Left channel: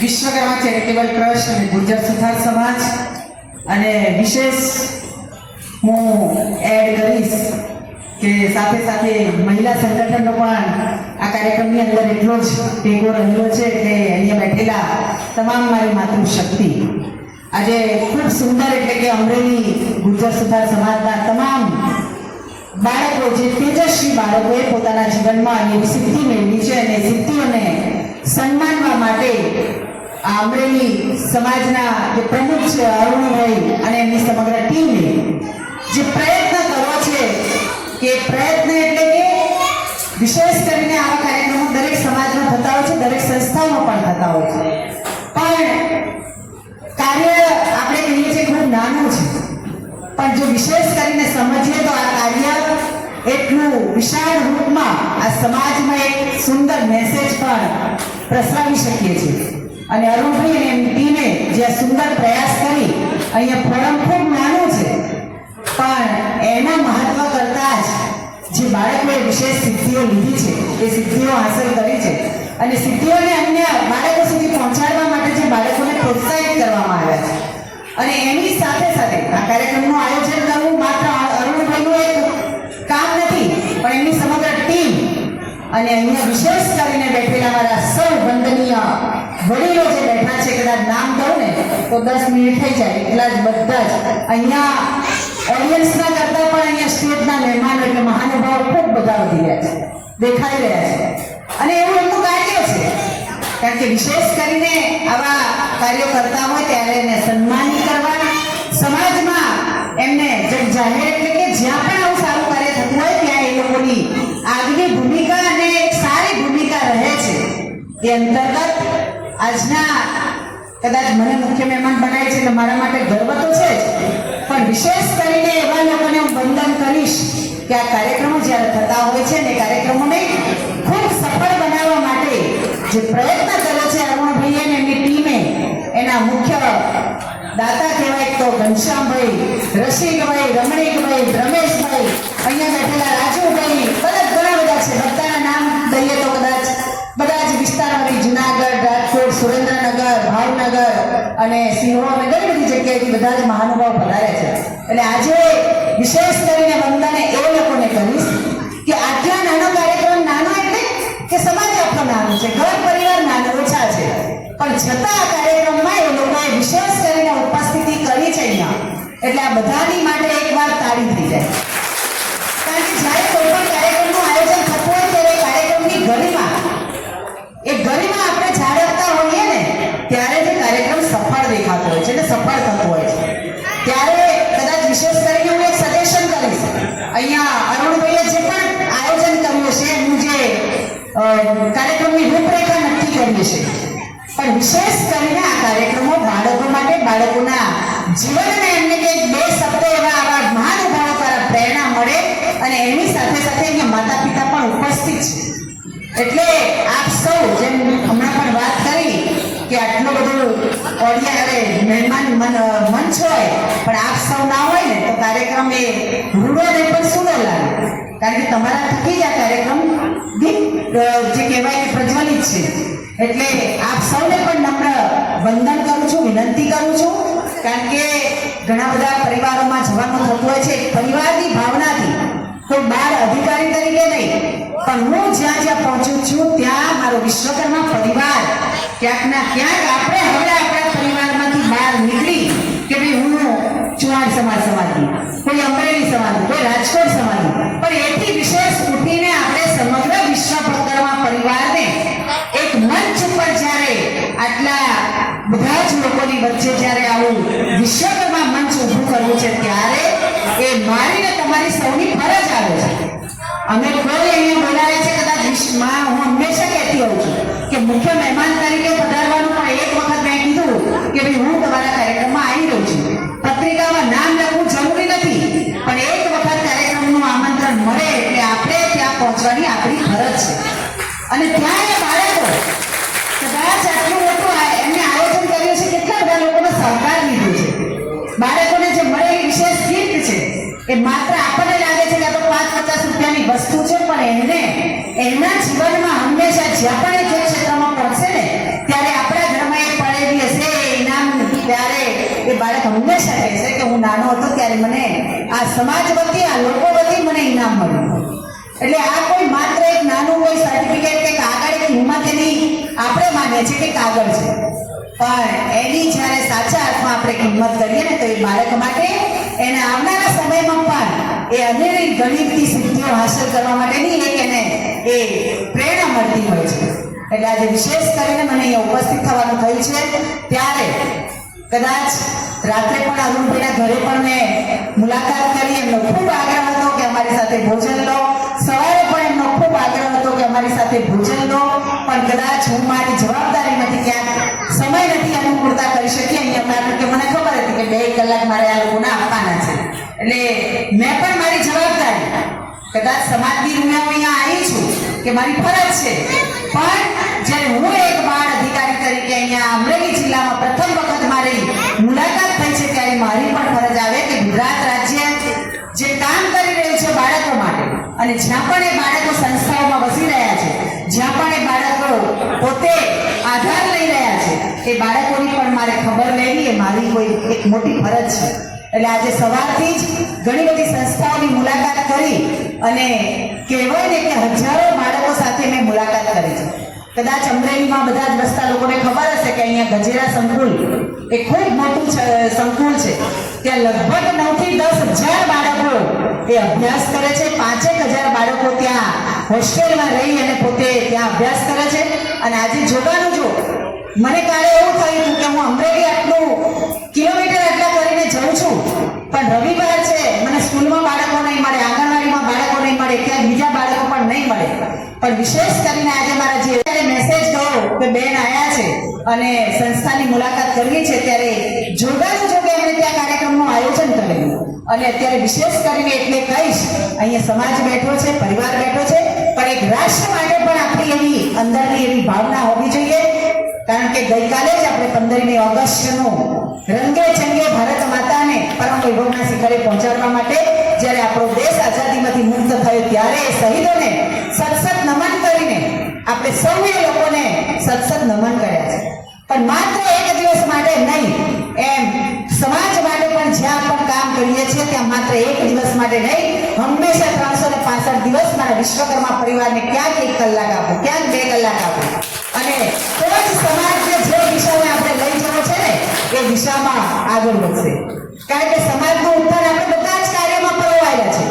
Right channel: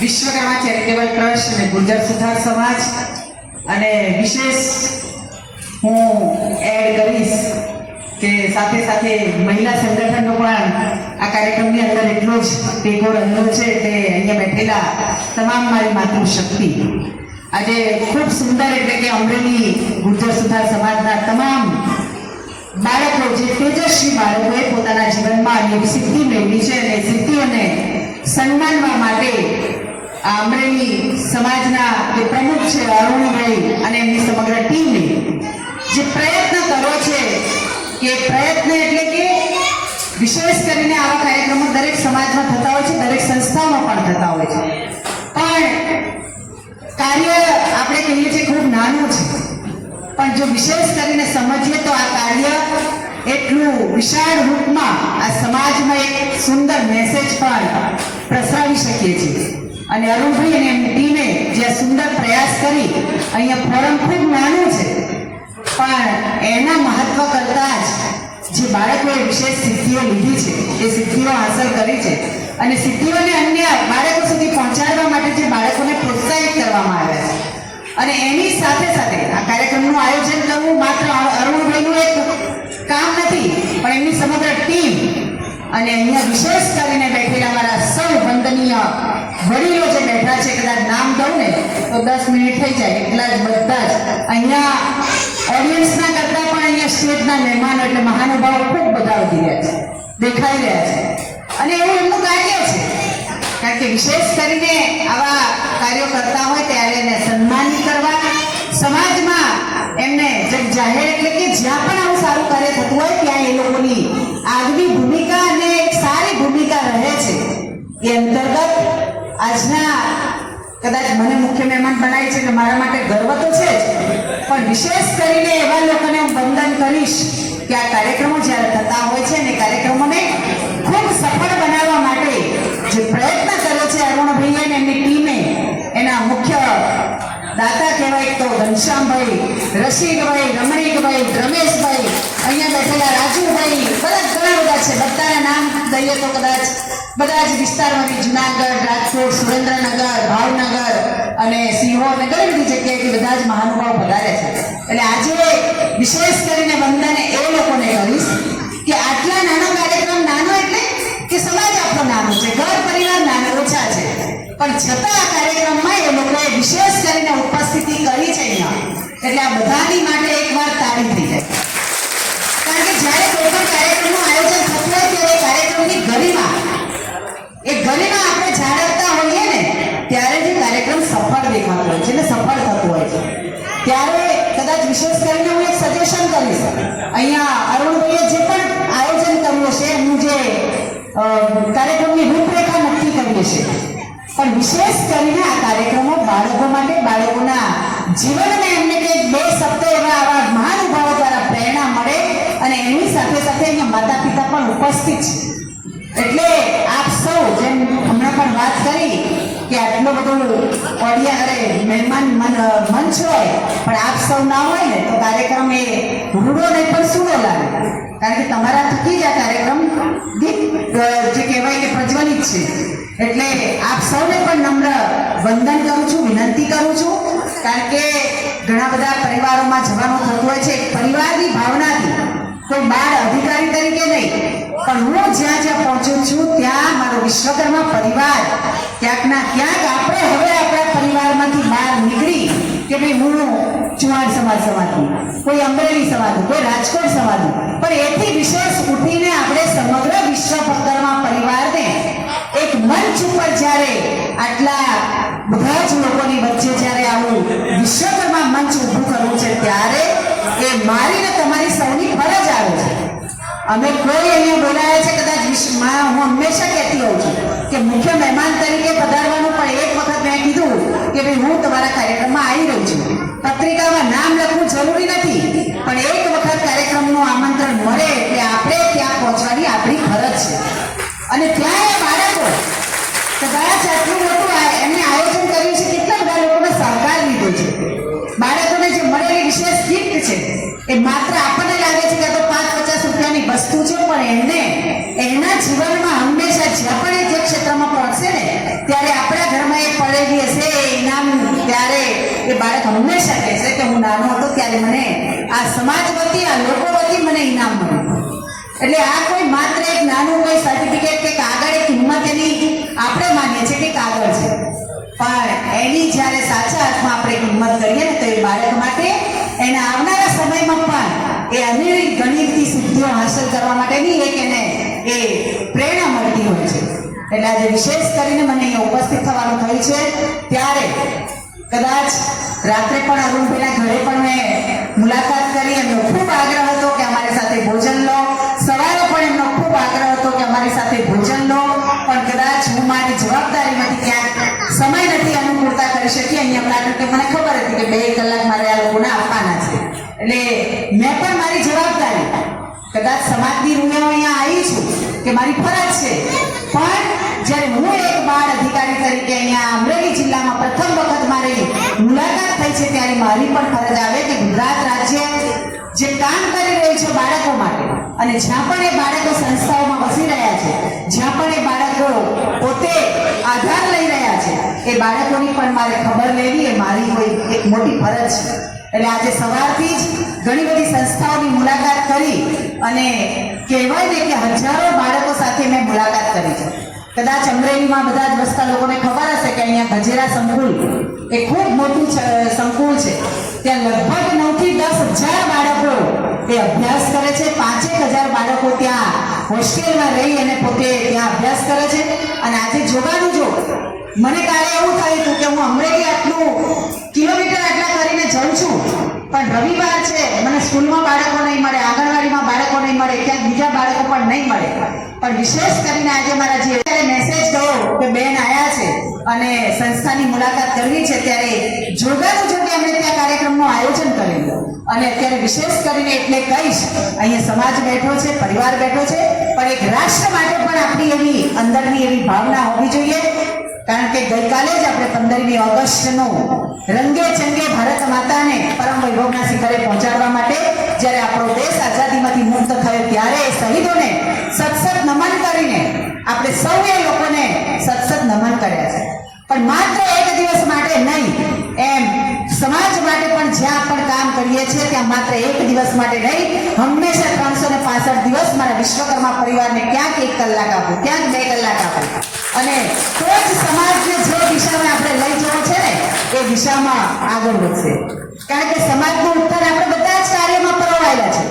Vishwakarma charitable trust અને ગુર્જર સુથાર સમાજ અને વિશેષ હું એડ કરીશ કે સાથે સાથે મહિલા સંગઠનનો પણ આ કાર્યક્રમની અંદર એટલો જ ટેકો રહેલો છે. એટલે અહીંયા બેઠેલા તમામ મારી માતૃશક્તિ આજે ખૂબ સુંદર એટલે કે અમરેલી ગુર્જર સુથાર સમાજના તમામ બાળકો જે તેજસ્વી બાળકોએ પોતાના જીવનમાં એવી સિદ્ધિ મેળવી છે અને સિદ્ધિઓને સન્માનવા માટે આ અમરેલી સમાજના જે પ્રમુખ છે અરુણભાઈ અને એમની સમગ્ર ટીમને જે પ્રયત્ન કર્યો છે કે પ્રયત્ન એટલે કે વિશેષ કરીને આવા કાર્યક્રમો દરેક સમાજમાં થતા હોય છે, દરેક સંસ્થાઓમાં પણ થતા હોય છે, પણ કાર્ય આપણે કહીએ છીએ ખૂબ નાનું છે, પણ જો વિશેષ કરીને સમજીએ તો આ કાર્ય એટલું વિશાળ રૂપમાં આ સમાજમાં એક સુંદર મેસેજ પણ પ્રસરાવી શકીએ છીએ. અને અરુણભાઈ અને એમની ટીમે જે સુંદર પ્રયાસ કરી અહીંયા ફોરમ ખૂબ નાનું છે, પણ એના મહત્વ કરતાં જ જે બાળકોએ વિશેષ સિદ્ધિઓ લીધી છે, એ સિદ્ધિઓ હાંસલ કરી છે અને સિદ્ધિઓને અન્ય બાળકો સુધી પહોંચાડવા માટે જે બાળકોને પ્રોત્સાહિત કરવામાં આવ્યા છે. અને એની સાથે સાથે આ કાર્યક્રમનું આયોજન કરવું માત્ર અરુણભાઈનું એક કામ નથી, પણ એમની સમગ્ર ટીમ અને અહીંયા વિશેષ કરીને બેઠેલા મારા સૌ વંદનીય વડીલો જે બેઠા છે, કદાચ નામ દઉં ને તો 10 મિનિટ થઈ જાય એટલા જ બધા જ અહીંયા ઓડિયન્સના કરતાં પણ અહીંયા સ્ટેજના મહેમાનો એટલે મહાનુભાવો ખૂબ બધા વધી રહ્યા છે, દેખાઈ રહ્યા છે. અને એવું એમનું કાર્ય છે, કારણ કે વિશેષ કરીને આવા કાર્યો કરતા હોય ત્યારે એને સન્માનિત કરવા, સમાજમાં એમને જગ જાહેર એટલે કે જ્યાં પણ આવું સારું કાર્ય થતું હોય ત્યાં એ લોકોની આગવી ભૂમિકા અને એક સારી ભૂમિકા રહે છે. એ અંતર્ગત આજના કદાચ મને મુખ્ય મહેમાન બનાવે છે એટલે મારા માટે ગર્વ તો છે જ, પણ વિશેષ કરીને એવા લોકોને હું વંદન કરીશ કે આ કાર્યક્રમો જ્યારે થતા હોય છે અને કાર્યક્રમોને ખૂબ સફળ બનાવવા માટે જે પ્રયત્ન કર્યો છે અરુણભાઈ અને એમની ટીમે, એના મુખ્ય દાતા કહેવાય તો ઘનશ્યામભાઈ, રશીદભાઈ, રમણીકભાઈ, રમેશભાઈ, અહીંયા બેઠેલા રાજુભાઈ, ઘણા બધા છે, બધાના નામ દઈએ તો કદાચ બધા જ વિસ્તારોની જુનાગઢ, રાજકોટ, સુરેન્દ્રનગર, ભાવનગર અને સિંહોર અને ઘણી બધી જગ્યાએથી બધા જ મહાનુભાવ પધારે છે. એટલે આજે વિશેષ કરીને વંદને એ લોકોને કરીશ કે આટલા નાનો કાર્યક્રમ, નાનો એટલે કે સમાજ આપણો નાનો છે, ઘર પરિવાર નાનો ઓછા છે, પણ છતાં આ કાર્યક્રમમાં એ લોકોએ વિશેષ કરીને ઉપસ્થિતિ કરી છે અહીંયા. એટલે આ બધાની માટે એકવાર તાળી થઈ જાય. કારણ કે જ્યારે કોઈ પણ કાર્યક્રમનું આયોજન થતું હોય ત્યારે કાર્યક્રમની ગરિમા આપણે જાળવતા હોઈએ ને ત્યારે જે કાર્યક્રમ સફળ દેખાતો હોય છે અને સફળ થતો હોય છે. ત્યારે કદાચ વિશેષ કરીને હું એક સજેશન કરીશ, અહીંયા અરુણભાઈએ જે પણ આયોજન કર્યું છે એનું જે કાર્યક્રમની રૂપરેખા નક્કી કરી છે, પણ વિશેષ કરીને આ કાર્યક્રમો બાળકો માટે, બાળકોના જીવનને એમને કંઈક 2 શબ્દ એવા આવા મહાનુભાવો દ્વારા પ્રેરણા મળે અને એની સાથે સાથે અહીંયા માતા પિતા પણ ઉપસ્થિત છે. એટલે આપ સૌ જેમ હમણાં પણ વાત કરી કે આટલું બધું મહેમાન મંચ હોય પણ આપ સૌ ના હોય ને તો કાર્યક્રમ એ રૂડો નહીં પણ સૂડો લાગે. કારણ કે તમારા થકી જ આ કાર્યક્રમ જે કહેવાય કે પ્રજ્વલિત છે. એટલે આપ સૌને પણ નમ્ર વંદન કરું છું, વિનંતી કરું છું. કારણ કે ઘણા બધા પરિવારોમાં જવાનું થતું હોય છે પરિવારની ભાવનાથી, કોઈ બાળ અધિકારી તરીકે નહીં, પણ હું જ્યાં જ્યાં પહોંચું છું ત્યાં મારો વિશ્વકર્મા પરિવાર ક્યાંક ના ક્યાંક આપણે હવે આપણા પરિવારમાંથી બહાર નીકળી કે ભાઈ હું ચુવાણ સમાજની, કોઈ અમરેલી સમાજની, કોઈ રાજકોટ સમાજની, પણ એથી વિશેષ ઉઠીને આપણે સમગ્ર વિશ્વકર્મા પરિવારને એક મંચ ઉપર જ્યારે આટલા બધા જ લોકોની વચ્ચે જ્યારે આવું વિશ્વકર્મા મંચ ઊભું કરવું છે ત્યારે એ મારી ને તમારી સૌની ફરજ આવે છે. અમે કોઈ અહીંયા બોલાયા છે કદાચ વિશ્વમાં, હું હંમેશા કહેતી હોઉં છું કે મુખ્ય મહેમાન તરીકે પધારવાનું, પણ એક વખત મેં કીધું કે ભાઈ હું તમારા કાર્યક્રમમાં આવી રહ્યો છું. પત્રિકામાં નામ લખવું જરૂરી નથી, પણ એક વખત કાર્યક્રમનું આમંત્રણ મળે એટલે આપણે ત્યાં પહોંચવાની આપણી ફરજ છે. અને ત્યાં એ બાળકો કદાચ આટલું લોકો એમને આયોજન કર્યું છે, કેટલા બધા લોકોનો સહકાર લીધો છે. બાળકોને જે મળેલી વિશેષ ગિફ્ટ છે એ માત્ર આપણને લાગે છે કે તો 5-50 રૂપિયાની વસ્તુ છે, પણ એને એના જીવનમાં હંમેશા ત્યારે આપણા ઘરમાં એક પડેલી હશે ઇનામ, ત્યારે એ બાળક હંમેશા કહેશે કે હું નાનો હતો ત્યારે મને આ સમાજ વતી, આ લોકો વતી મને ઇનામ મળ્યું. એટલે આ કોઈ માત્ર એક નાનું કોઈ સર્ટિફિકેટ કે કાગળ, એક હિંમત એની આપણે માનીએ છીએ કે કાગળ છે, પણ એની જ્યારે સાચા અર્થમાં આપણે કિંમત કરીએ ને તો એ બાળક માટે એના આવનારા સમયમાં પણ એ અનેક ગણિતની સિદ્ધિઓ હાંસલ કરવા માટેની એક એને એ પ્રેરણા મળતી હોય છે. એટલે આજે વિશેષ કરીને મને અહીંયા ઉપસ્થિત થવાનું થયું છે. ત્યારે કદાચ રાત્રે પણ અરુણભાઈના ઘરે પણ મેં મુલાકાત કરી, એમનો ખૂબ આગ્રહ હતો કે અમારી સાથે ભોજન લો. સવારે પણ એમનો ખૂબ આગ્રહ હતો કે અમારી સાથે ભોજન લો, પણ કદાચ હું મારી જવાબદારીમાંથી ક્યાંક સમય નથી અનુકૂળતા કરી શકી અહીંયા, કારણ કે મને ખબર હતી કે 2 કલાક મારે આ લોકોને આપવાના છે. એટલે મેં પણ મારી જવાબદારી, કદાચ સમાજની રૂમે હું અહીંયા આવી છું કે મારી ફરજ છે, પણ જ્યારે હું એક બાળ અધિકારી તરીકે અહીંયા અમરેલી જિલ્લામાં પ્રથમ વખત મારી મુલાકાત થઈ છે, ત્યારે મારી પણ ફરજ આવે કે ગુજરાત રાજ્ય જે કામ કરી રહ્યું છે બાળકો માટે, અને જ્યાં પણ એ બાળકો સંસ્થાઓમાં વસી રહ્યા છે, જ્યાં પણ એ બાળકો પોતે આધાર લઈ રહ્યા છે, એ બાળકોની પણ મારે ખબર લેવી એ મારી કોઈ એક મોટી ફરજ છે. એટલે આજે સવારથી જ ઘણી બધી સંસ્થાઓની મુલાકાત કરી, અને કહેવાય ને કે હજારો બાળકો સાથે મેં મુલાકાત કરી છે. કદાચ અમરેલીમાં બધા જ વસતા લોકોને ખબર હશે કે અહીંયા ગજેરા સંકુલ એ ખૂબ મોટું સંકુલ છે. ત્યાં લગભગ 9 થી 10,000 બાળકો એ અભ્યાસ કરે છે. 5,000 બાળકો ત્યાં હોસ્ટેલમાં રહી અને પોતે ત્યાં અભ્યાસ કરે છે. અને આજે જોવાનું જો મને કાલે એવું થયું હતું કે હું અમરેલી આટલું કિલોમીટર આટલા કરીને જઉં છું, પણ રવિવાર છે, મને સ્કૂલમાં બાળકો નહીં મળે, આંગણવાડીમાં બાળકો નહીં મળે, ક્યાંક બીજા બાળકો પણ નહીં મળે. પણ વિશેષ કરીને આજે મારા જે મેસેજ ગયો કે બેન આવ્યા છે અને સંસ્થાની મુલાકાત કરવી છે, ત્યારે જોડાનું જો કે એમણે ત્યાં કાર્યક્રમનું આયોજન કરેલું. અને અત્યારે વિશેષ કરીને એટલે કહીશ, અહીંયા સમાજ બેઠો છે, પરિવાર બેઠો છે, પણ એક રાષ્ટ્ર માટે પણ આપણી એવી અંદરની એવી ભાવના હોવી જોઈએ. કારણ કે ગઈકાલે જ આપણે 15મી ઓગસ્ટનું રંગે ચંગે ભારત માતાને પરમ વૈભવના શિખરે પહોંચાડવા માટે જ્યારે આપણો દેશ આઝાદીમાંથી મુક્ત થયો, ત્યારે શહીદોને સતસત નમન કરીને આપણે સૌએ લોકોને સતસત નમન કર્યા છે. પણ માત્ર એક દિવસ માટે નહીં, એમ સમાજ માટે પણ જ્યાં પણ કામ કરીએ છીએ ત્યાં માત્ર એક દિવસ માટે નહીં, હંમેશા 365 દિવસ મારા વિશ્વકર્મા પરિવારને ક્યાંક 1 કલાક આપો, ક્યાંક 2 કલાક આપો, અને તો જ સમાજને જે દિશામાં આપણે લઈ જવો છે ને એ દિશામાં આગળ વધશે. કારણ કે સમાજનું ઉત્થાન આપણે બધા જ કાર્યમાં પરોવાયેલા છે.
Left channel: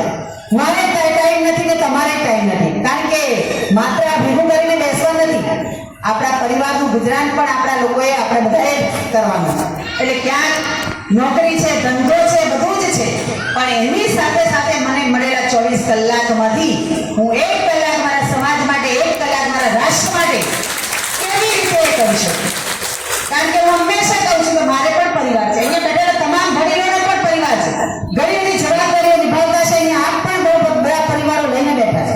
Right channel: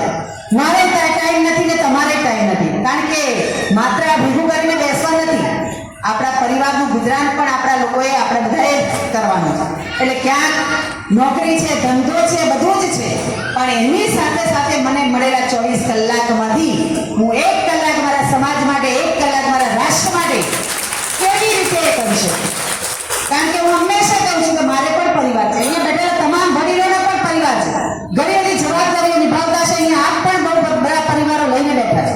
મારે ટાઈમ નથી ને તમારે ટાઈમ નથી, કારણ કે માત્ર આ ભેગું કરીને બેસવા નથી, આપણા પરિવારનું ગુજરાન પણ આપણા લોકોએ, આપણે બધાએ કરવાનું છે. એટલે ક્યાંક નોકરી છે, ધંધો છે, બધું જ છે, પણ એની સાથે સાથે મને મળેલા 24 કલાકમાંથી હું 1 કલાક મારા સમાજ માટે, 1 કલાક મારા રાષ્ટ્ર માટે કેવી રીતે કરી શકું. કારણ કે હું હંમેશા કહું છું કે મારે પણ પરિવાર છે, અહીંયા બેઠેલા તમામ વડીલોનો પણ પરિવાર છે, ઘણી બધી જવાબદારીઓ નિભાવતા છે, અહીંયા આપ પણ બહુ બધા પરિવારો લઈને બેઠા છે.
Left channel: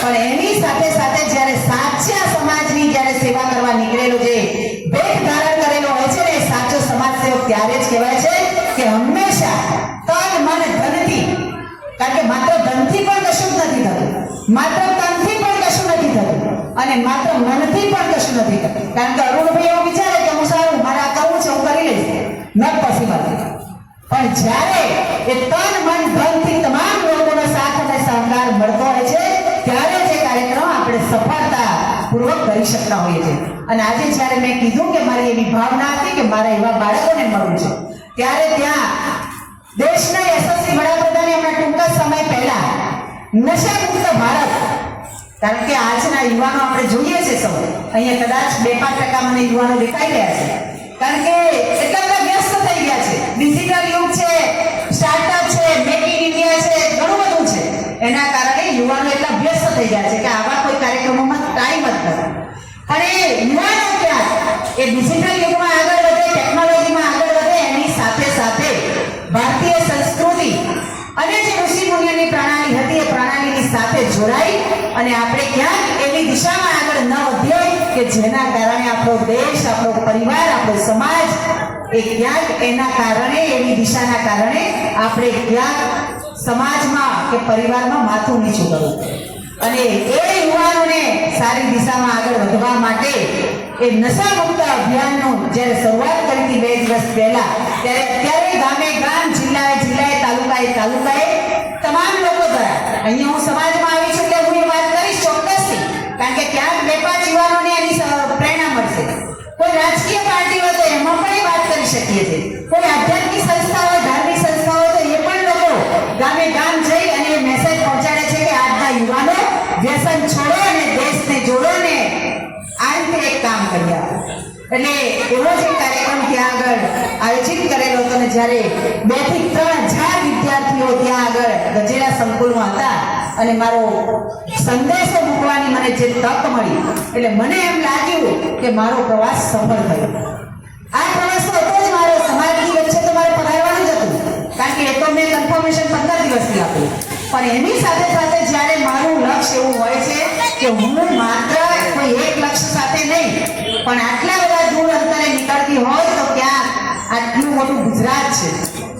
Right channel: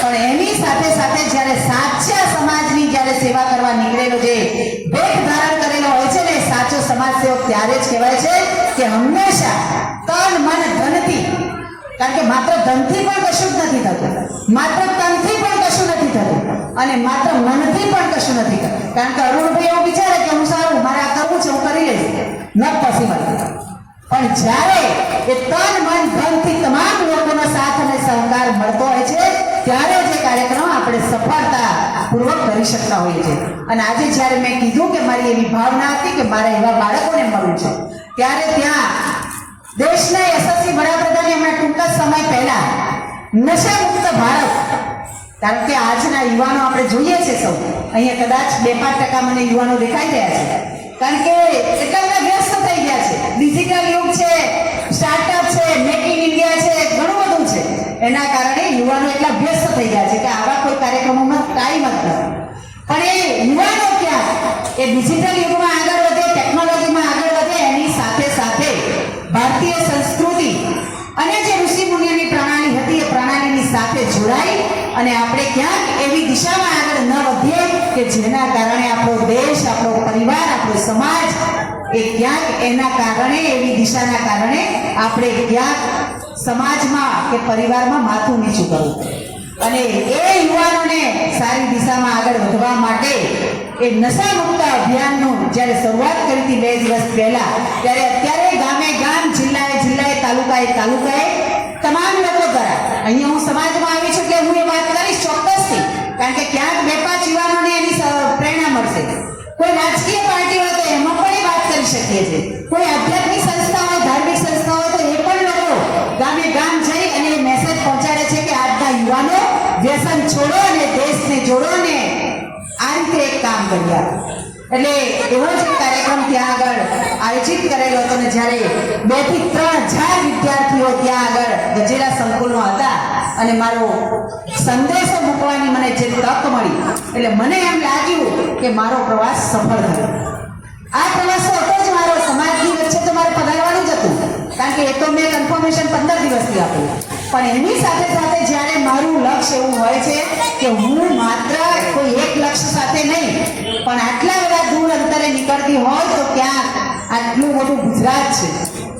પણ એની સાથે સાથે જ્યારે સાચા સમાજની જ્યારે સેવા કરવા નીકળેલો જે ભેટ ધારણ કરેલો હોય છે ને, એ સાચો સમાજ સેવક ત્યારે જ કહેવાય છે કે હંમેશા તન મન ધનથી, કારણ કે માત્ર ધનથી પણ કશું જ નથી થતું, માત્ર તનથી પણ કશું નથી થતું, અને માત્ર મનથી પણ કશું નથી થતું. કારણ કે અરુણભાઈ એવું વિચારે કે હું સારું મારે આ કરવું છે, હું કરી લઈશ, નોટ પોસિબલ. પણ જ્યારે એ તન મન ધનથી તમામ લોકોનો સાથ અને સહકાર મળતો હોય છે, ત્યારે જે કાર્યક્રમ આપણે સફળતાપૂર્વક કરી શકતા હોઈએ છીએ. અને આજે જ્યારે મેં કીધું કે મારી એવી ભાવના હતી કે મારા એવા બાળકોને મળવું છે, ત્યારે ત્યાં દેશના યશસ્વી વડાપ્રધાને હમણાં ટૂંકા સમય પહેલા નશામુક્ત ભારત, કારણ કે આજના યુવાનો આપણે જોઈએ છે સૌ અહીંયા, કદાચ 2-5% મને યુવાનો દેખાઈ રહ્યા છે, કારણ કે એટલા બધા વ્યસ્ત થઈ ગયા છે. ડિજિટલ યુગ છે, સ્ટાર્ટઅપ છે, મેક ઇન ઇન્ડિયા છે, ઘણું બધું છે. એના કારણે યુવાનો એટલા વ્યસ્ત થઈ ગયા છે કે આવા કોઈ કાર્યક્રમોમાં ટાઈમ જ નથી. પણ એ યુવાનો ક્યાં એ ડિજિટલ યુગમાં આગળ વધે, ટેકનોલોજીમાં આગળ વધે, એની સાથે સાથે ભારતીય સંસ્કૃતિ અને જે ઋષિ મુનિઓની પ્રણાલી હતી એ પ્રણાલીની સાથે જોડાઈ અને આપણે ક્યાંક એવી દિશામાં આગળ ન વધીએ કે જેના કારણે આપણો દેશ, આપણો પરિવાર, આપણો સમાજ એ ક્યાંક એના કારણે, એવી દિશાના કારણે આપણે ક્યાંક સમાજમાં કે પરિવારમાં માથું નીચું કરવું. અને એ યુવાનોને સારી દિશામાં આગળ વધવા માટે એ નશા મુક્ત અભિયાનનું જ્યારે શરૂઆત કરી હતી 2 દિવસ પહેલા, ત્યારે અત્યારે ગામે ગામ, જિલ્લાએ જિલ્લાએ, તાલુકાએ તાલુકાએ તમામ લોકો દ્વારા અહીંયા હું સમાજમાં આવી છું એટલે હું એ વાત કરીશ ચોક્કસથી, કારણ કે ક્યાંક 2-5 યુવાનોને એની પ્રેરણા મળશે. કોઈ રાજકીય પાર્ટી હોય તો એમાં પણ એ વાત કરી શકીએ છીએ, કોઈ આધ્યાત્મિક સંસ્થા હોય, ધાર્મિક સંસ્થા હોય તો એ પણ લોકો ગામે ગામ જઈ અને મેસેજ પહોંચાડે છે કે આજના યુવાનો વ્યસન છોડો અને દેશને જોડો ને આ રીતે એક કામ કર્યા. એટલે એવો જ એક કાર્યક્રમ ત્યાં આગળ આયોજિત કરેલો હતો ને જ્યારે 2 થી 3,000 વિદ્યાર્થીઓ ત્યાં આગળ ગજેરા સંકુલમાં હતા અને મારો સંદેશો મૂકવાની મને જે તક મળી એટલે મને એમ લાગ્યું કે મારો પ્રવાસ સફળ થયો. આ પ્રવાસ હતો જ મારો સમાજની વચ્ચે તો મારે પધારવાનું જ હતું, કારણ કે એ તો મેં કન્ફર્મેશન 15 દિવસથી આપ્યું, પણ એની સાથે સાથે જ્યારે મારું લક્ષ્ય એવું હોય છે કે હું માત્ર કોઈ એક લક્ષ્ય સાથે નહીં પણ આટલા બધા દૂર અંતરે નીકળતી હોય તો ક્યાં આટલું મોટું ગુજરાત છે,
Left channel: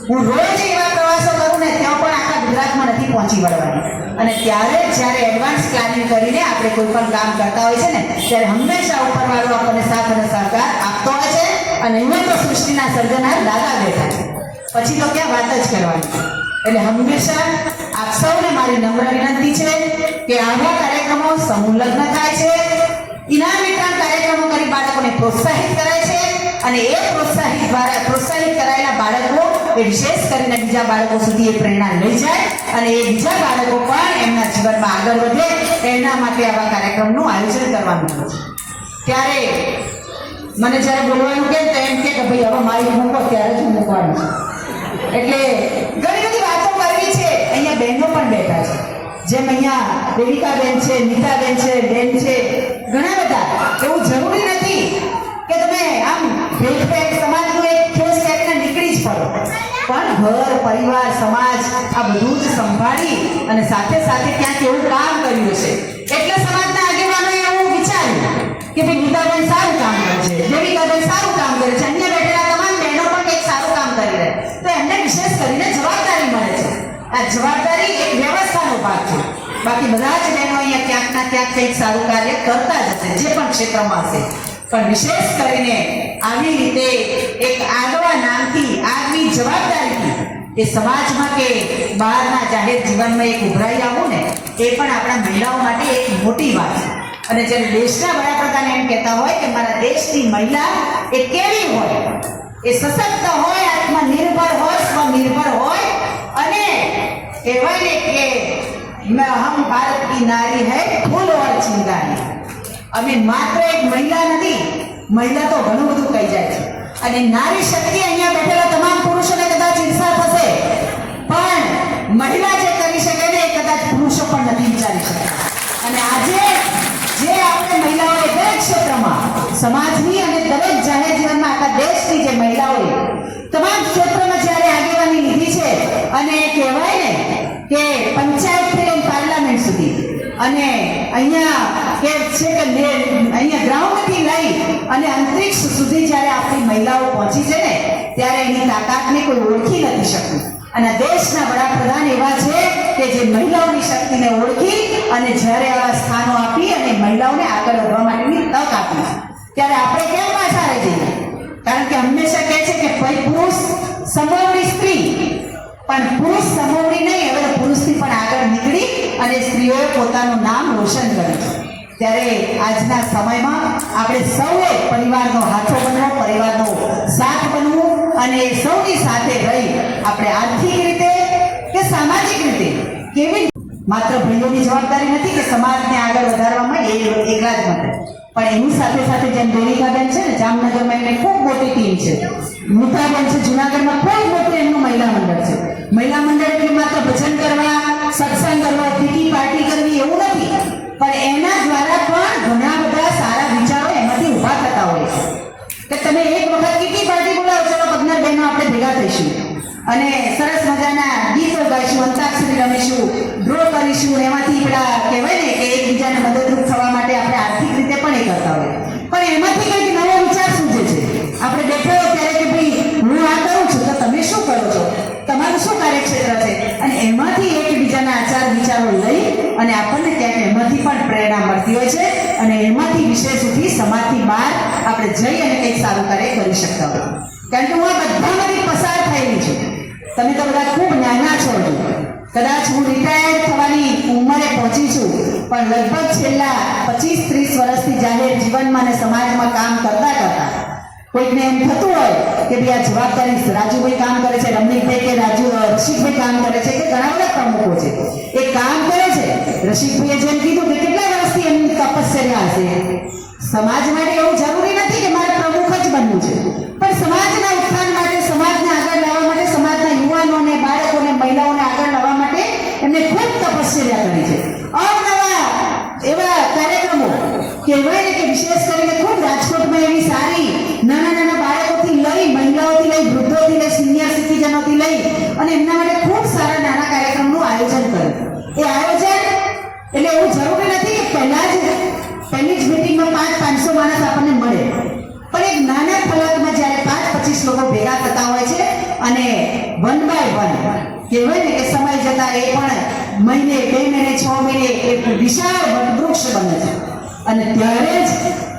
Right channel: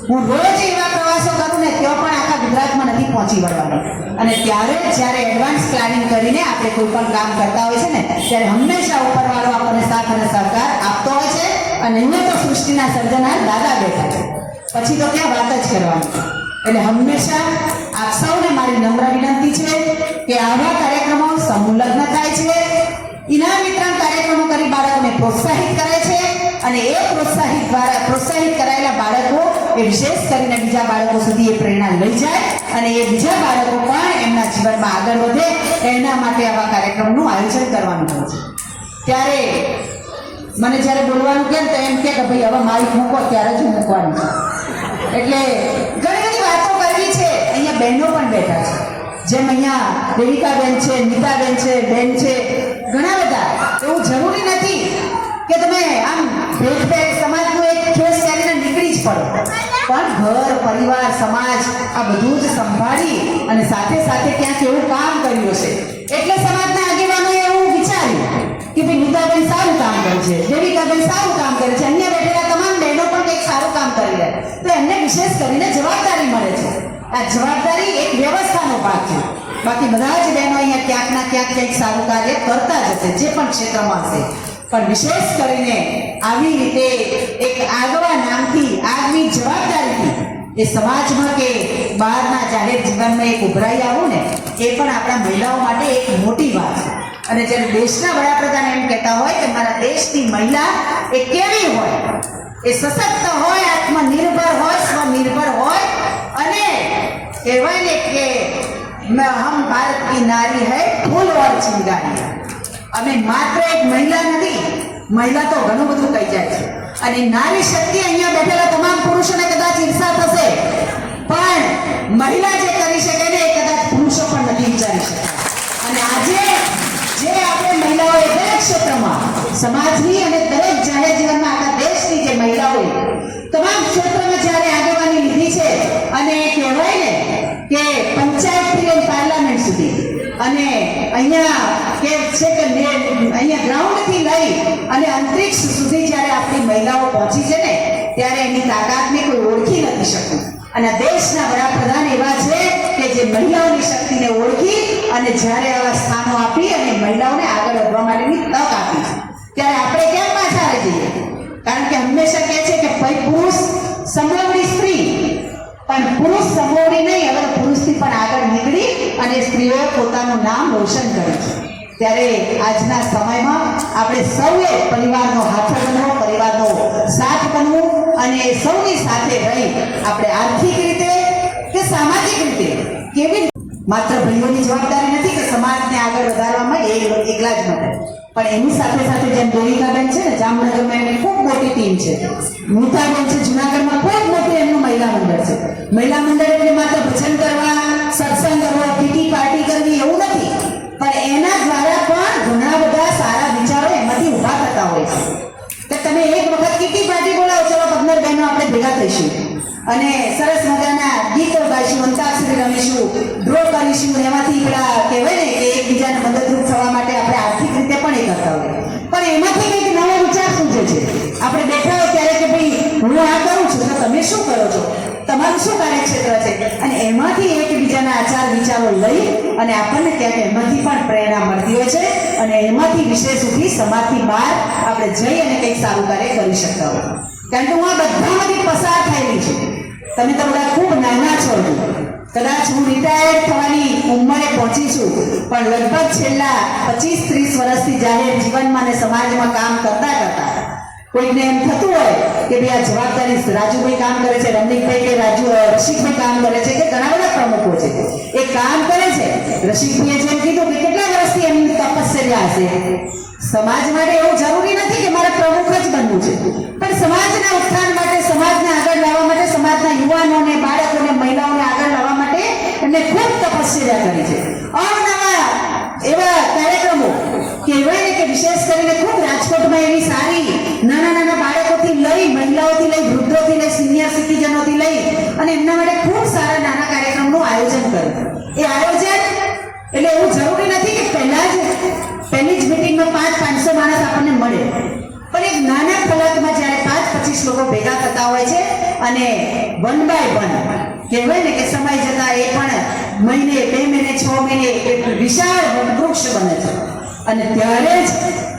હું રોજ એવા પ્રવાસો કરું ને ત્યાં પણ આખા ગુજરાતમાં નથી પહોંચી વળવાની. અને ત્યારે જ્યારે એડવાન્સ પ્લાનિંગ કરીને આપણે કોઈ પણ કામ કરતા હોય છે ને ત્યારે હંમેશા ઉપરવાળો આપણને સાથ અને સહકાર આપતો હોય છે. અને અહીંયા તો સૃષ્ટિના સર્જનહાર દાદા બેઠા છે, પછી તો ક્યાં વાત જ કરવાની. એટલે હંમેશા આપ સૌને મારી નમ્ર વિનંતી છે કે આવા કાર્યક્રમો સમૂહ લગ્ન થાય છે, ઇનામ વિતરણ કાર્યક્રમો કરી બાળકોને પ્રોત્સાહિત કરે છે અને એ પ્રોત્સાહિત કરાયેલા બાળકો એ વિશેષ કરીને બીજા બાળકો સુધી એ પ્રેરણા લઈ જાય અને એ બીજા બાળકો પણ એમના જીવનમાં આગળ વધે એના માટે આવા કાર્યક્રમનું આયોજન કરવાનું હોય છે. ત્યારે મને જ્યારે બોલવાનું કેમ તો એમ કે ભાઈ હવે મારી મૂકો ત્યારે જ મૂકવાનું છે. એટલે ઘણી બધી વાતો કરવી છે. અહીંયા બહેનો પણ બેઠા છે, જેમ અહીંયા દેવિકાબેન છે, નીતાબેન છે, બેન છે, ઘણા બધા. એવું જરૂરી નથી કે તમે આમ ભેટ સમાજનું એક કેસ કરીને નીકળી જ પડો, પણ ઘર, પરિવાર, સમાજ આ બધું જ સંભાળી અને સાથે સાથે ક્યાંક એવું કામ કર્યું છે એટલે સમાજના આગેવાનોએ એવું વિચાર્યું કે ભાઈ નીતાબેન સારું કામ કરે છે, દેવિકાબેન સારું કામ કરે છે, અન્ય બેઠેલા તમામ બહેનો પણ કંઈક સારું કામ કરી રહે તો એમને વિશેષ કરીને જવાબદારી મળે છે. આ જવાબદારી એક વ્યવસ્થાનો ભાગ છે. બાકી બધા જ બહેનો અહીંયા ક્યાંક ના ક્યાંક કંઈક સારું કાર્ય કરતા જ હશે, જે પણ ક્ષેત્રમાં હશે, પણ વિશેષ કરીને આવી રીતે એક આગવા નામથી, આગવી જવાબદારીથી એ સમાજમાં કે બહારના જાહેર જીવનમાં એક ઉભરાઈ આવું ને એ પણ આપણા મહિલાઓ માટે એક મોટી વાત છે. અને જેમ દેશના વડાપ્રધાન એમ કહેતા હોય કે મારા દેશની મહિલા એ કેવી હોય, એ સશક્ત હોય, આત્મનિર્ભર હોય, સ્વનિર્ભર હોય અને કહેવાય ને કે હમ ભારત કી નારી હૈ ફૂલ ઓર ચિંગારી. અમે માત્ર એક મહિલા નથી, મહિલા તો ઘણું બધું કહી જાય છે અને નારી શક્તિ અહીંયા બેઠેલા તમામ પુરુષોને કદાચ ઈર્ષા થશે, પણ મહિલા જે કરી શકે ને એ કદાચ પુરુષો પણ નથી વિચારી શકતા. અને આજે જે આપણે મહિલાઓએ દરેક ક્ષેત્રમાં સમાજની અને દરેક જાહેર જીવનમાં આખા દેશની જે મહિલાઓએ તમામ ક્ષેત્રમાં જ્યારે આગેવાની લીધી છે અને કહેવાય ને કે પંચાયતથી લઈને પાર્લામેન્ટ સુધી અને અહીંયા કે છે કે અહીંયા ગ્રાઉન્ડથી લઈ અને અંતરિક્ષ સુધી જ્યારે આપણી મહિલાઓ પહોંચી છે ને ત્યારે એની તાકાતને કોઈ ઓળખી નથી શકતું. અને દેશના વડાપ્રધાન એવા છે કે જે મહિલાઓની શક્તિને ઓળખી અને જ્યારે આવા સ્થાનો આપી અને મહિલાઓને આગળ વધવા માટેની તક આપી છે, ત્યારે આપણે કેમ પાછા રહી જઈએ? કારણ કે હંમેશા કહે છે કે ભાઈ પુરુષ સમોવડી સ્ત્રી, પણ પુરુષ સમોવડી નહીં, હવે પુરુષથી પણ આગળ નીકળી અને સ્ત્રીઓએ પોતાનું નામ રોશન કર્યું છે. ત્યારે આજના સમયમાં આપણે સૌએ પરિવારનો હાથો બનવો, પરિવારનો સાથ બનવું અને સૌની સાથે રહી આપણે આર્થિક રીતે કે સામાજિક રીતે કેવી માત્ર ભાઈઓની જવાબદારી નથી કે સમાજને આગળ વધારવામાં એ એકલા જ માટે, પણ એની સાથે સાથે જેમ દેવિકાબેન છે ને જામનગરમાં એમની ખૂબ મોટી ટીમ છે, નીતાબેન છે જુનાગઢમાં ખૂબ મોટું એમનું મહિલા મંડળ છે. મહિલા મંડળ એટલે માત્ર ભજન કરવા, સત્સંગ કરવા, પીટી પાર્ટી કરવી એવું નથી, પણ એના દ્વારા પણ ઘણા બધા સારા વિચારો એમાંથી ઉભા થતા હોય છે. કે તમે એક વખત પીટી પાર્ટી બોલાવો, ચલો 15 બહેનો આપણે ભેગા થઈશું અને સરસ મજાના ગીતો ગાઈશું, અંતાક્ષરી રમીશું, ડ્રો કરીશું, એમાંથી પેલા કહેવાય ને કે એકબીજાને મદદરૂપ થવા માટે આપણે આર્થિક રીતે પણ એ કરતા હોય, પણ એમાંથી કંઈક નવો વિચાર સૂચે છે. આપણે બેઠા હોય ત્યારે કે ભાઈ હું આ કરું છું તો તમે શું કરો છો, તમારું શું કાર્યક્ષેત્ર છે, અને એમાંથી એકબીજાના આચાર વિચારો લઈ અને આપણને ક્યાંક એમાંથી પણ પ્રેરણા મળતી હોય છે અને એમાંથી વિશેષ ઉઠી સમાજથી બહાર આપણે જઈ અને કંઈક સારું કાર્ય કરી શકતા હોય. કારણ કે હું આ બધામાંથી પસાર થયેલી છું. તમે તો બધા ખૂબ નાના છો. કદાચ હું રિટાયર્ડ થવાની ઉંમરે પહોંચી છું, પણ લગભગ છેલ્લા 25-30 વર્ષથી જાહેર જીવનમાં અને સમાજમાં કામ કરતા કરતા કોઈને એમ થતું હોય કે ભાઈ આ જવાબદારી રાજુભાઈ કામ કરે છે, રમણીકભાઈ કે રસિકભાઈ કામ કરે છે, કે ઘણા બધા પ્રમુખો છે એ કામ કરે છે. રસિકભાઈએ જેમ કીધું કે કેટલા વર્ષથી એમની તપશ્ચર્યા હશે. સમાજ માટે એવું જરૂરી નથી કે મારે પ્રમુખ જ બનવું છે, પણ સમાજના ઉત્થાન માટે, સમાજને આગળ લાવવા માટે, સમાજના યુવાનોને, બાળકોને, મહિલાઓને આગળ લાવવા માટે એમને ખૂબ તપશ્ચર્યા કરી છે. અવનવા એવા કાર્યક્રમો કહેવાય ને કે વિશેષ કરીને ખૂબ રાજકોટમાં એવી સારી નાના નાના બાળકોથી લઈ, મહિલાઓથી લઈ, વૃદ્ધોથી લઈ, સિનિયર સિટીઝનોથી લઈ અને એમના માટે ખૂબ સારા નાના કાર્યક્રમનું આયોજન કર્યું. એ આયોજન એટલે એવું જરૂરી નથી કે પહેલી જ મિટિંગમાં 500 માણસ આપણને મળે, પણ એક નાના ફલકમાં જ્યારે 25 લોકો ભેગા થતા હોય છે અને 1 by 1 કહેવાય ને કે સમય જતા એ પણ મહિને, 2 મહિને, 6 મહિને એક વિશાળ વટવૃક્ષ બને છે અને ત્યારે જ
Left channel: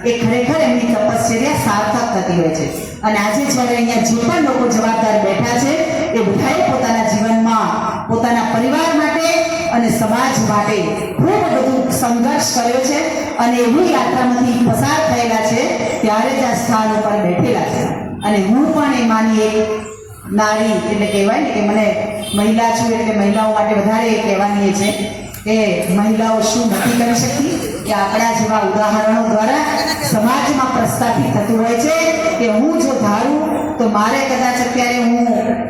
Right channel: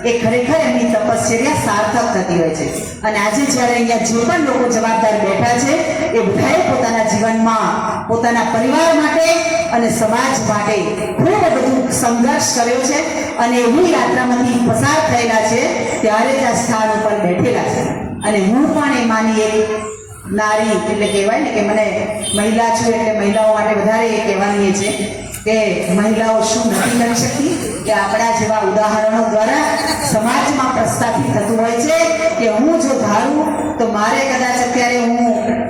એ ખરેખર એમની તપશ્ચર્યા સાર્થક થતી હોય છે. અને આજે જ્યારે અહીંયા જે પણ લોકો જવાબદાર બેઠા છે એ બધાએ પોતાના જીવનમાં પોતાના પરિવાર માટે અને સમાજ માટે ખૂબ બધું સંઘર્ષ કર્યો છે અને એવી યાત્રામાંથી પસાર થયેલા છે ત્યારે જ આ સ્થાન ઉપર બેઠેલા છે. અને હું પણ એમાંની એક નારી એટલે કહેવાય ને કે મને મહિલા છું એટલે મહિલાઓ માટે વધારે એ કહેવાની છે કે મહિલાઓ શું નથી કરી શકતી, કે આપણા જેવા ઉદાહરણો દ્વારા સમાજમાં પ્રસ્થાપિત થતું હોય છે કે હું જો ધારું તો મારે કદાચ અત્યારે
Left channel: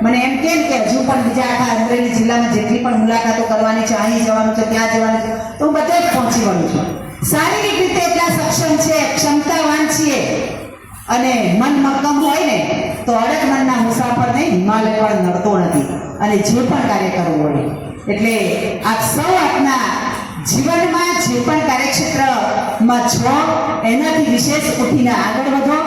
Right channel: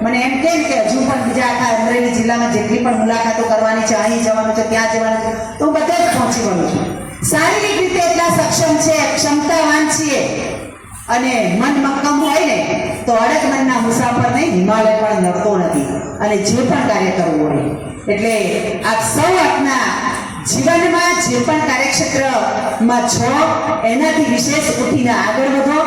મને એમ કેમ કે હજુ પણ બીજા આખા અમરેલી જિલ્લામાં જેટલી પણ મુલાકાતો કરવાની છે, અહીં જવાનું છે, ત્યાં જવાનું છે, તો હું બધે જ પહોંચી વળું છું. શારીરિક રીતે એટલા સક્ષમ છે, ક્ષમતાવાન છીએ અને મન મક્કમ હોય ને તો અડગ મનના મુસાફરને હિમાલય પણ નડતો નથી અને જે પણ કાર્ય કરવું હોય. એટલે આપ સૌ આપના જીવનમાં જે પણ કાર્યક્ષેત્રમાં છો એનાથી વિશેષ ઉઠીને આગળ વધો.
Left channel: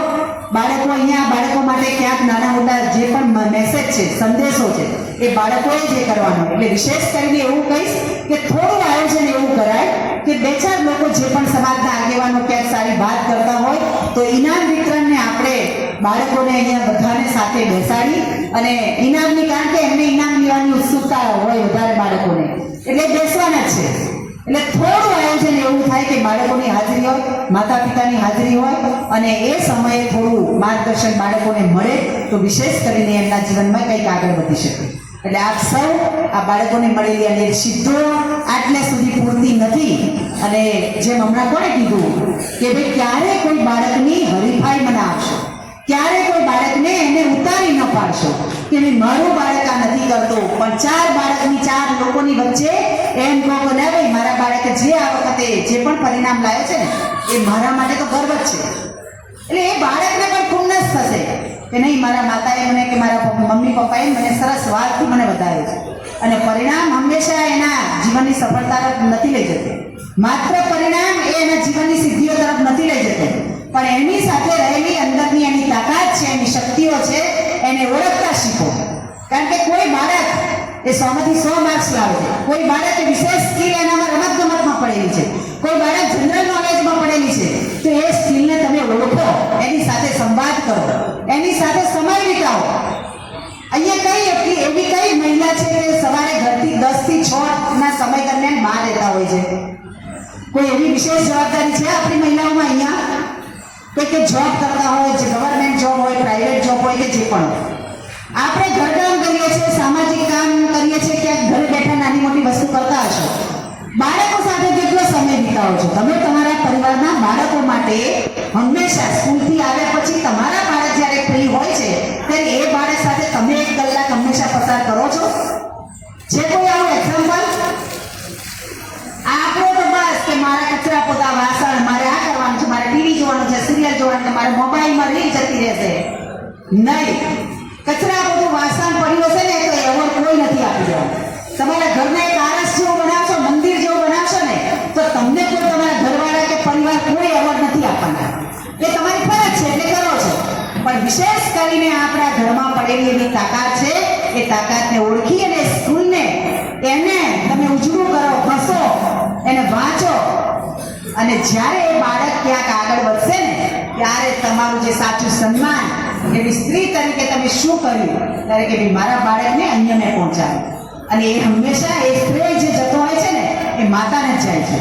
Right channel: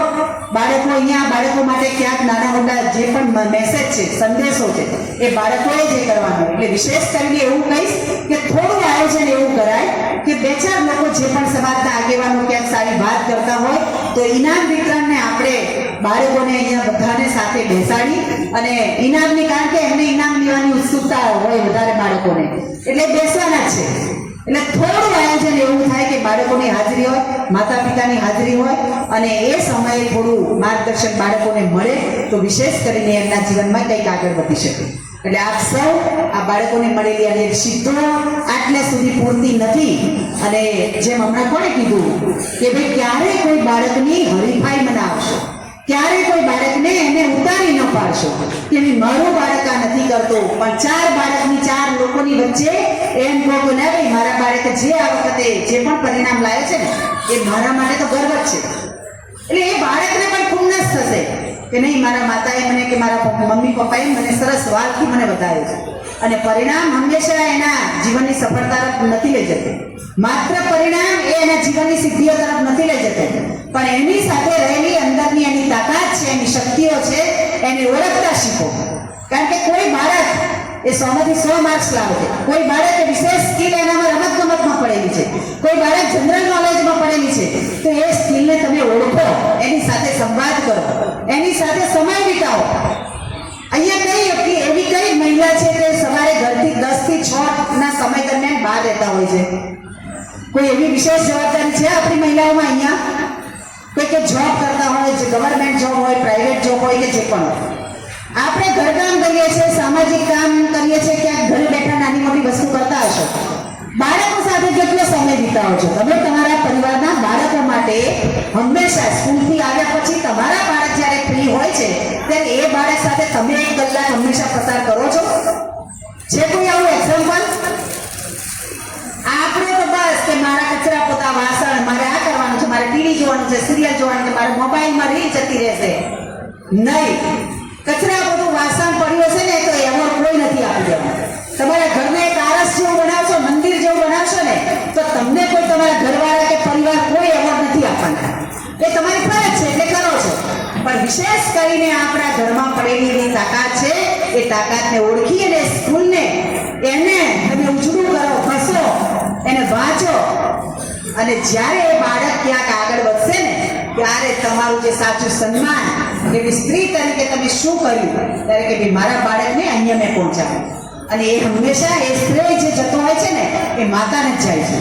બાળકો અહીંયા બાળકો માટે ક્યાંક નાના મોટા જે પણ મેસેજ છે, સંદેશો છે એ બાળકોએ જ એ કરવાનું. એટલે વિશેષ કરીને એવું કહીશ કે થોડું આયોજન એવું કરાય કે 2-4 લોકો જે પણ સમાજના આગેવાનો ક્યાંક સારી વાત કરતા હોય તો ઇનામ વિતરણને આપણે બાળકોને અહીંયા બધાને સાથે બેસાડી અને ઇનામની, કારણ કે એમને ઇનામ લેવાની ઉત્સુકતા હોય વધારે બાળકોને, એટલે બેસવાના જ છે. એટલે થોડું આયોજન એવું થાય કે બાળકોની હાજરી હોય, માતા પિતાની હાજરી હોય અને એ સમયે થોડું માર્ગદર્શન બાળકોને મળે તો વિશેષ કરીને એમના જીવનમાં કંઈક આગળ વધી શકે. એટલે આપ સૌ આ બાળકોને મળેલી અને સિદ્ધો આટલા સુધી પૂરતી નથી. અને જેમ હમણાં કોણે કીધું કે ભાઈ ક્યારે કોઈ બાળકની હરીફાઈ મનાવશો, ક્યારે કોઈ બાળકને એને ઉતારી ન પાડશો કે ભાઈ મારું બાળક આ નથી કરતો, પણ 4 બાળકની 4 લોકોની વચ્ચે એમ કહો કે ના ભાઈ મારા બાળકે જે આ વખતે જે પણ પરિણામ લાવ્યો છે ને એ મારા માટે તો ગર્વ જ છે. એટલે એ બાળકને પણ ખુન્નસ થશે કે નહીં, મારા માતાએ મને કે મારા મમ્મી પપ્પાએ મને સરસ વાતથી મને વધાર્યો છે. અને પરિણામ હંમેશા એના જીવનની સફળતા નથી લઈ જતું, માત્ર પરિણામ એ એના જીવનની સિદ્ધિઓ તરફ નથી લઈ જતું, પણ એની સાથે રહેલી અંદરની એની તાકાત છે, એની શક્તિઓ છે, એને ઓળખતા શીખો. કારણ કે કોઈ બાળક એ 100માંથી 100 માર્ક્સ લાવે છે, કોઈ બાળક એ વિશેષ સ્કિલ એનામાં રમતગમતમાં પડેલી છે, કોઈ બાળક જનરલ નોલેજમાં પડેલી છે, તો એ સ્કિલને તમે ઓળખો, એની સાથે સંવાદ કરો, એની સાથે સમય વિતાવો. અહીંયા એવી કઈ મહિલા છે કે સવારે ઘરથી 10 થી 6 ના સમય દરમિયાન બહાર રહેતા હોય છે? કોઈ એવી વિશેષ જવાબદારી છે આપણી મહિલાઓમાં અહીંયા? કોઈ કે જોબ કરતા હોય, જે ગવર્મેન્ટ જોબ હોય, પ્રાઇવેટ જોબ હોય કે જે પણ હોય, આપણે ઘરકામ કરીએ છીએ, સામાજિક કામ કરીએ છીએ, ક્યાંક ઘરે બેઠા નાની મોટી વસ્તુ કરતા હશો. બાળકો સાથે કેટલો સમય વિતાવો છો તમે? તમારા પરિવારના બાળકો માટે હંમેશા સ્કૂલથી આવ્યા પછી તમારા બાળક જ્યારે ફ્રી હોય છે ત્યારે એ બાળક સાથે તમે 1 કલાક હંમેશા પસાર કરો છો? છે કોઈ આવું એક્ઝામ્પલ? આપણે તો બસ કે મારા કચરા પોતા, વાસણ, મારે આ કરવાનું છે, મારે ટીવી જોવાનું છે, સિરિયલ જોવાનું છે, મારે મોબાઈલમાં રીલ જતી રહેશે. નહીં, કચરા બધું વાસણ પડ્યું હશે ને તો એવોર્ડ કોઈ નથી આપી દેવાનું. તમારા ઘરને એક આરસ જેવું બનાવશો, મંદિર જેવું બનાવશો ને તો તમને કોઈ તમારા ઘરવાળા કે પરિવાર કોઈ એવોર્ડ નથી આપવાના. એ તમારી ફરજ છે એટલે કરો છો. પણ વિશેષ કરીને આપણા ઘરમાં પડેલી એવી તાકાત છે, એ તાકાતને ઓળખી અને સ્કૂલને એને તમે ઉજળું કરો, હસો, એને વાંચો, અને જ્યારે એ બાળક ક્યાંક આગળ વધશે ને ત્યારે તમારું જે સાચું સન્માન એવી સ્ત્રી તરીકે તમે શું કર્યું ત્યારે કે ભાઈ મારા બાળકને અહીંયા મેં પહોંચાડ્યું. અને એ હંમેશા એ શ્રેય જે જતો હોય છે ને એ માતાને જ જાય છે.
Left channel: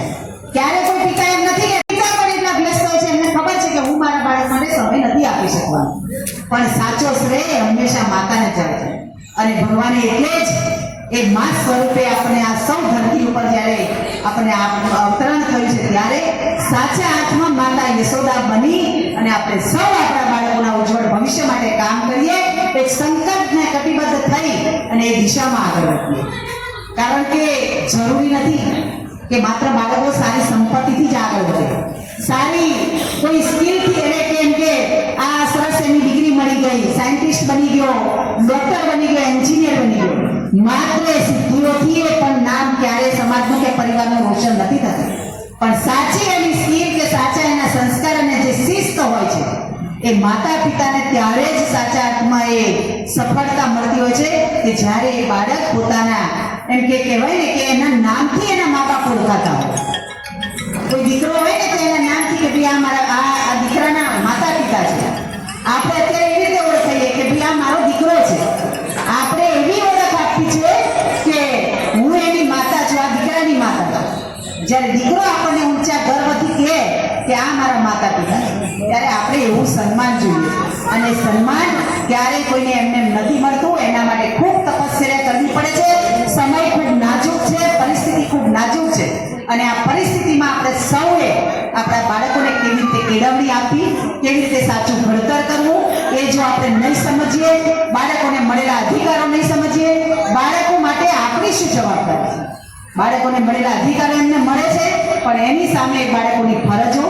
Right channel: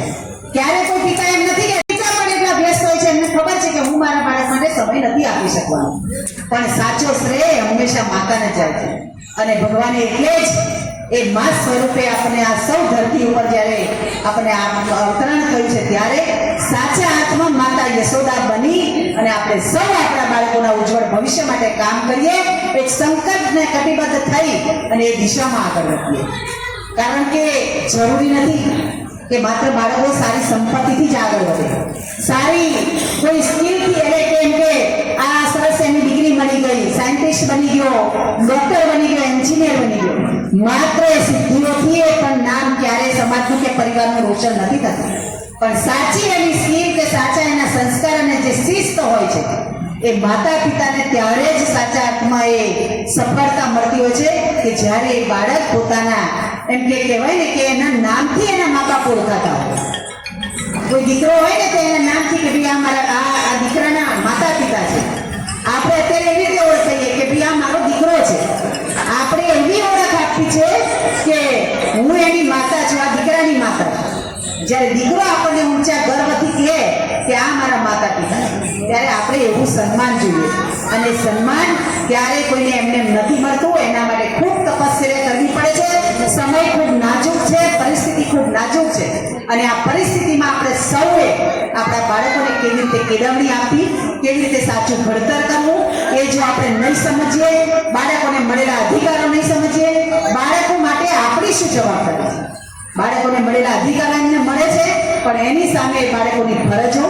ક્યારે કોઈ પિતા એમ નથી કે પિતા પણ એટલા વ્યસ્ત હોય છે, એમને ખબર છે કે હું મારા બાળક માટે સમય નથી આપી શકવાનો, પણ સાચો શ્રેય હંમેશા માતાને જ જાય છે. અને ભગવાને એટલે જ એ મા સ્વરૂપે આપણે આ સૌ ધરતી ઉપર જ્યારે આપણે અવતરણ કર્યું છે ત્યારે સાચા હાથમાં માતા યશોદા બની અને આપણે સૌ આપણા બાળકોના ઉજ્જવળ ભવિષ્ય માટે કામ કરીએ, એક સંકલ્પને કટિબદ્ધ થઈ અને એ દિશામાં આગળ વધીએ. કારણ કે જરૂરી નથી કે માત્ર બાળકો સારી સંપત્તિથી જ આગળ વધે, સારી કોઈ સ્કિલથી, એટલે કેમ કે આ સરસ એની ડિગ્રી મળી ગઈ, સાયન્ટિસ્ટ બની ગયો, ડોક્ટર બની ગયો, એન્જિનિયર બની ગયો, માત્ર એ સિદ્ધિઓથી એ પણ નામ ક્યારે સમાજનું કે પરિવારનું રોશન નથી થતું. પણ સાચી એની સ્કિલ કે સાચા એના સંસ્કાર અને જે શિસ્ત હોય છે એ માતા પિતાને ત્યારે જ સાચા અર્થમાં એ સફળતા મળતી હોય છે કે જ્યારે એ બાળક પોતાના એમ કે કહેવાય ને કે એના નામથી એના મા બાપ ઓળખાતા હોય. કોઈ દીકરો હોય ને તો એના નામથી કે ભાઈ આ મારા આ દીકરાના માતા પિતા છે. આપણે અત્યારે એવી રીતે ઓળખાઈએ કે ભાઈ આ મારો દીકરો છે. આપણે એવી ઓળખ આપી છે કે હું એની માતા છું, આ દીકરાની માતા છું. જ્યારે દીકરો આપણને ઊંચા ગર્વથી કહે કે આ મારા માતા પિતા, ત્યારે આપણે એવું સન્માન જોઈએ. અને સન્માન ત્યારે કોઈને એમને નથી મળતું, એના માટે ખૂબ તપસ્યા કરવી પડે છે. સમય ખૂબ નાજુક છે, પરિસ્થિતિ ખૂબ નાજુક છે. અને આ પરિસ્થિતિમાં આપણે સૌએ આપણા બાળકોને કેવી રીતે કેળવણી આપી, કેવી રીતે સાચું ભણતર કરવું, એ જો આપણે નહીં સમજીએ, બાળકોને મળેલા અધિકારો નહીં સમજીએ, બાળકો માટે આપણી શું જવાબદારી છે. બાળકોને મળેલા અધિકારો એમને મળે છે, પણ એની સામે બાળકોની ફરજો,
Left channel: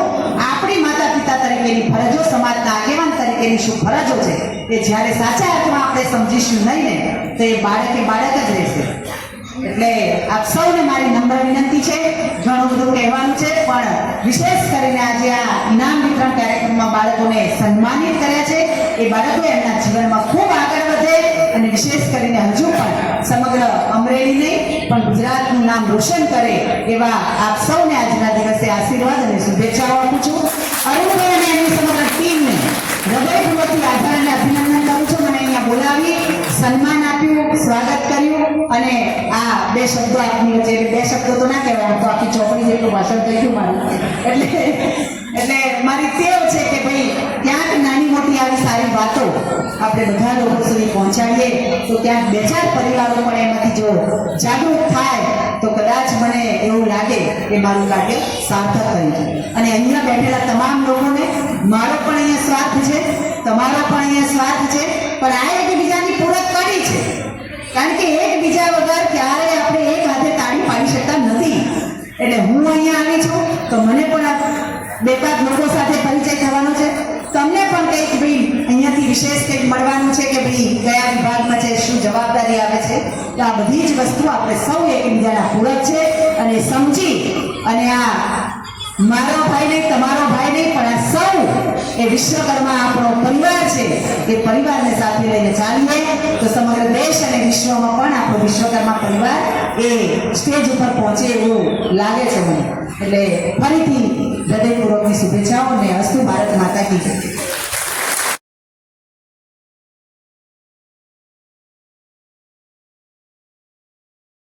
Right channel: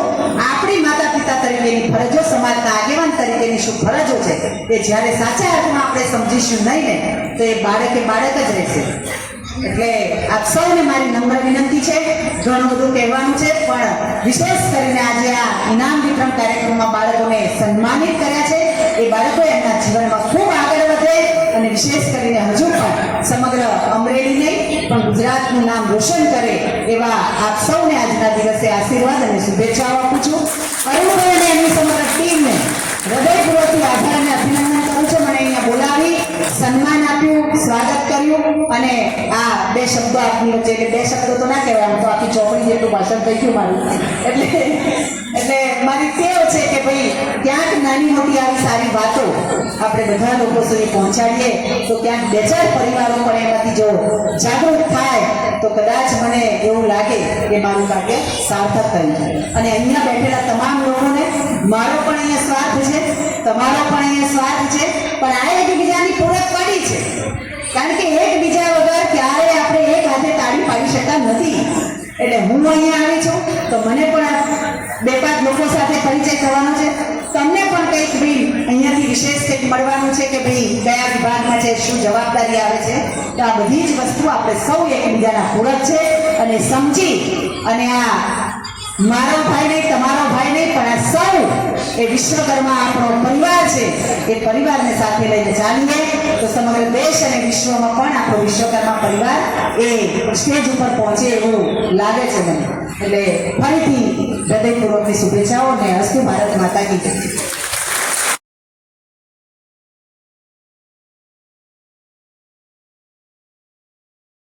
આપણી માતા પિતા તરીકેની ફરજો, સમાજના આગેવાન તરીકેની શું ફરજો છે એ જ્યારે સાચા અર્થમાં આપણે સમજીશું નહીં ને તો એ બાળક જ રહેશે. એટલે આપ સૌને મારી નમ્ર વિનંતી છે. ઘણું બધું કહેવાનું છે, પણ વિશેષ કરીને આજે આ ઇનામ વિતરણ કાર્યક્રમમાં બાળકોને સન્માનિત કર્યા છે. એ બાળકો એમના જીવનમાં ખૂબ આગળ વધે અને વિશેષ કરીને હજુ પણ સમગ્ર અમરેલી નહીં પણ ગુજરાતનું નામ રોશન કરે એવા આપ સૌને આજના દિવસે આશીર્વાદ અને શુભેચ્છાઓ આપું છું. અરુણભાઈ અને એની સમગ્ર ટીમને હૃદયપૂર્વકથી આભાર અને અભિનંદન કરું છું. મને અહીંયા બોલાવી સન્માન આપ્યું, સ્વાગત કર્યું અને આ બે શબ્દો આપની વચ્ચે, બે શબ્દો તો ના કહેવાય, તો આખી ચોપડી જેટલું ભાષણ થઈ ગયું મારું. એટલે મારી ટેવ છે કે ભાઈ ક્યાંક નાની મોટી આવી સારી વાતો આપણે બધા લોકો સુધી પહોંચાડીએ તો ક્યાંક બે ચાર પરિવારો પણ એમાંથી જો જાગૃત થાય તો કદાચ મને એવું લાગે કે મારું કાર્ય સાર્થક થયું છે. અને અહીંયા બેઠેલા તમામ લોકોને મારો પણ અહીંયા સ્વાર્થ છે, તમારો પણ અહીંયા સ્વાર્થ છે, પણ આ એકબીજાની પૂરક પાડી છે. કારણ કે એકબીજા વગર ક્યારે આપણે એક હાથે તાળી પાડી શકતા નથી. એટલે હું અહીંયા આવી છું તો મને પણ બે પાંચ લોકો સાથે પરિચય થવાનો છે, તમને પણ કંઈક ભાઈ અહીંયાથી વિશેષ કંઈક મળવાનું છે કે ભાઈ કયા વિભાગમાં છે, શું જવાબદારી આવે છે. તો આ બધી જ વસ્તુ આપણે સૌ એકબીજાના પૂરક છે અને સમજી અને આ મારો ભાઈ નહીં, તમારો ભાઈ નહીં, પણ આ સૌ એ વિશ્વકર્મા આપણો પરિવાર છે. એ પરિવારને સાથે લઈને ચાલીએ તો સમગ્ર દેશ અને વિશ્વમાં પણ આપણો વિશ્વકર્મા પરિવાર એ સ્ટેજ ઉપર પહોંચે એવું લાગે છે મને. એટલે ફરીથી હૃદયપૂર્વકની શુભેચ્છાઓ અને અસ્તુ ભારત માતા કી જય.